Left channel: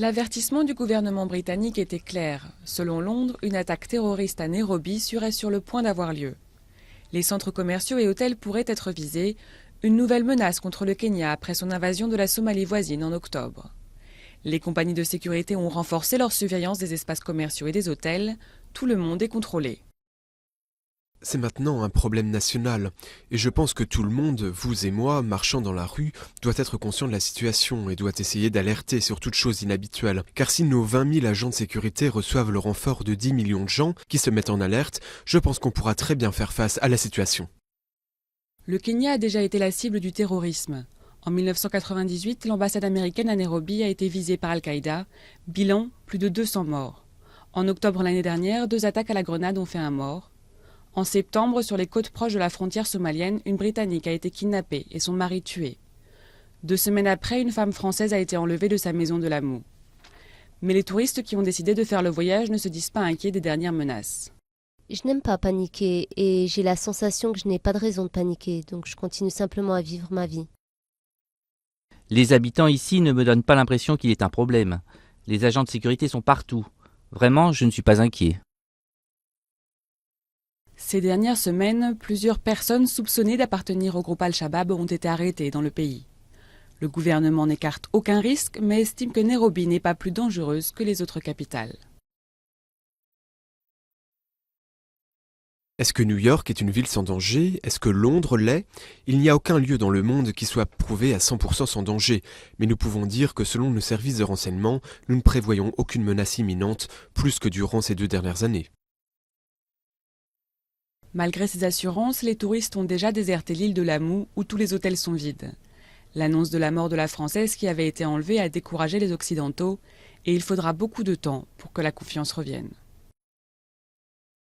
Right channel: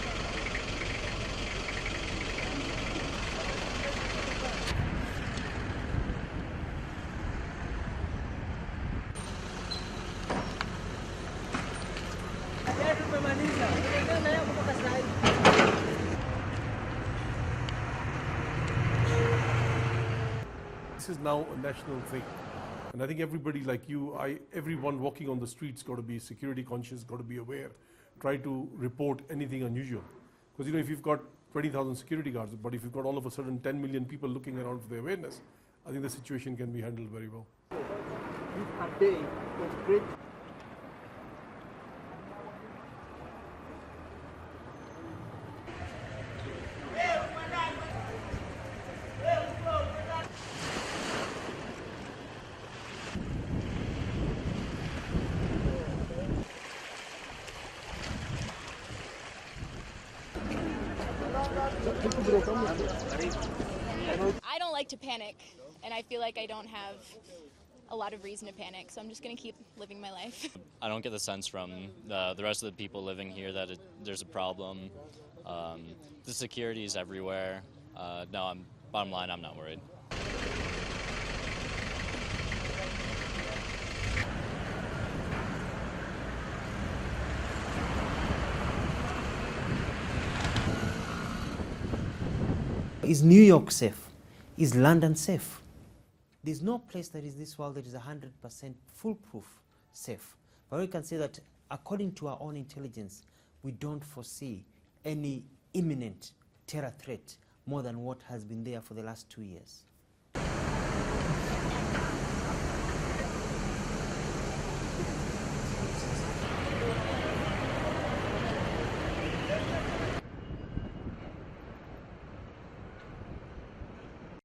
L'avertissement du gouvernement britannique était clair. Selon Londres, une attaque terroriste à Nairobi serait sur le point d'avoir lieu. Les centres commerciaux et hôtels pourraient être visés. Une nouvelle menace contre le Kenya après son invasion de la Somalie voisine en octobre. Les compagnies de sécurité ont renforcé leur surveillance des espaces commerciaux et des hôtels. Tout le monde est contrôlé. C'est maintenant un problème national. Et je pense que tout le monde, vous et moi, marchant dans la rue, doit être conscient de la situation et doit essayer d'alerter sur toute chose inhabituelle. Car si nos 20 000 agents de sécurité reçoivent le renfort de 10 millions de gens qui se mettent en alerte, je pense qu'on pourra très bien faire face à la situation. Le Kenya a déjà été la cible du terrorisme. En 1998, l'ambassade américaine à Nairobi a été visée par Al-Qaïda. Bilan, plus de 200 morts. En octobre l'année dernière, 2 attaques à la grenade ont fait un mort. En septembre, sur les côtes proches de la frontière somalienne, une Britannique a été kidnappée et son mari tué. 2 semaines après, une femme française a été enlevée de sa maison de l'amour. Mais les touristes qui ont décidé de faire le voyage ne se disent pas inquiets des dernières menaces. Je n'aime pas paniquer et j'ai la sensation que je n'ai pas de raison de paniquer, donc je continue simplement à vivre ma vie. Les habitants ici ne me donnent pas l'impression qu'il y ait un problème. Les agents de sécurité sont partout. Vraiment, je ne suis pas inquiet. Ces dernières semaines, plusieurs personnes soupçonnées d'appartenir au groupe Al-Shabaab ont été arrêtées dans le pays. Le gouvernement n'écarte aucun risque, mais estime que Nairobi n'est pas plus dangereuse que les autres capitales. Is New York safe? Is London safe? Est-ce que New York est une ville sans danger? Est-ce que Londres l'est? Il n'y a aucun lieu dans le monde qui soit prouvé à 100% sans danger. Mais nous pouvons dire que selon nos services de renseignement, nous ne prévoyons aucune menace imminente, plus que durant ces 2 dernières années. Malgré ces assurances, les touristes ont déjà déserté l'île de Lamu où tous les hôtels sont vides. L'annonce de la mort de la Française qui avait été enlevée a découragé les Occidentaux et il faudra beaucoup de temps pour que la confiance revienne.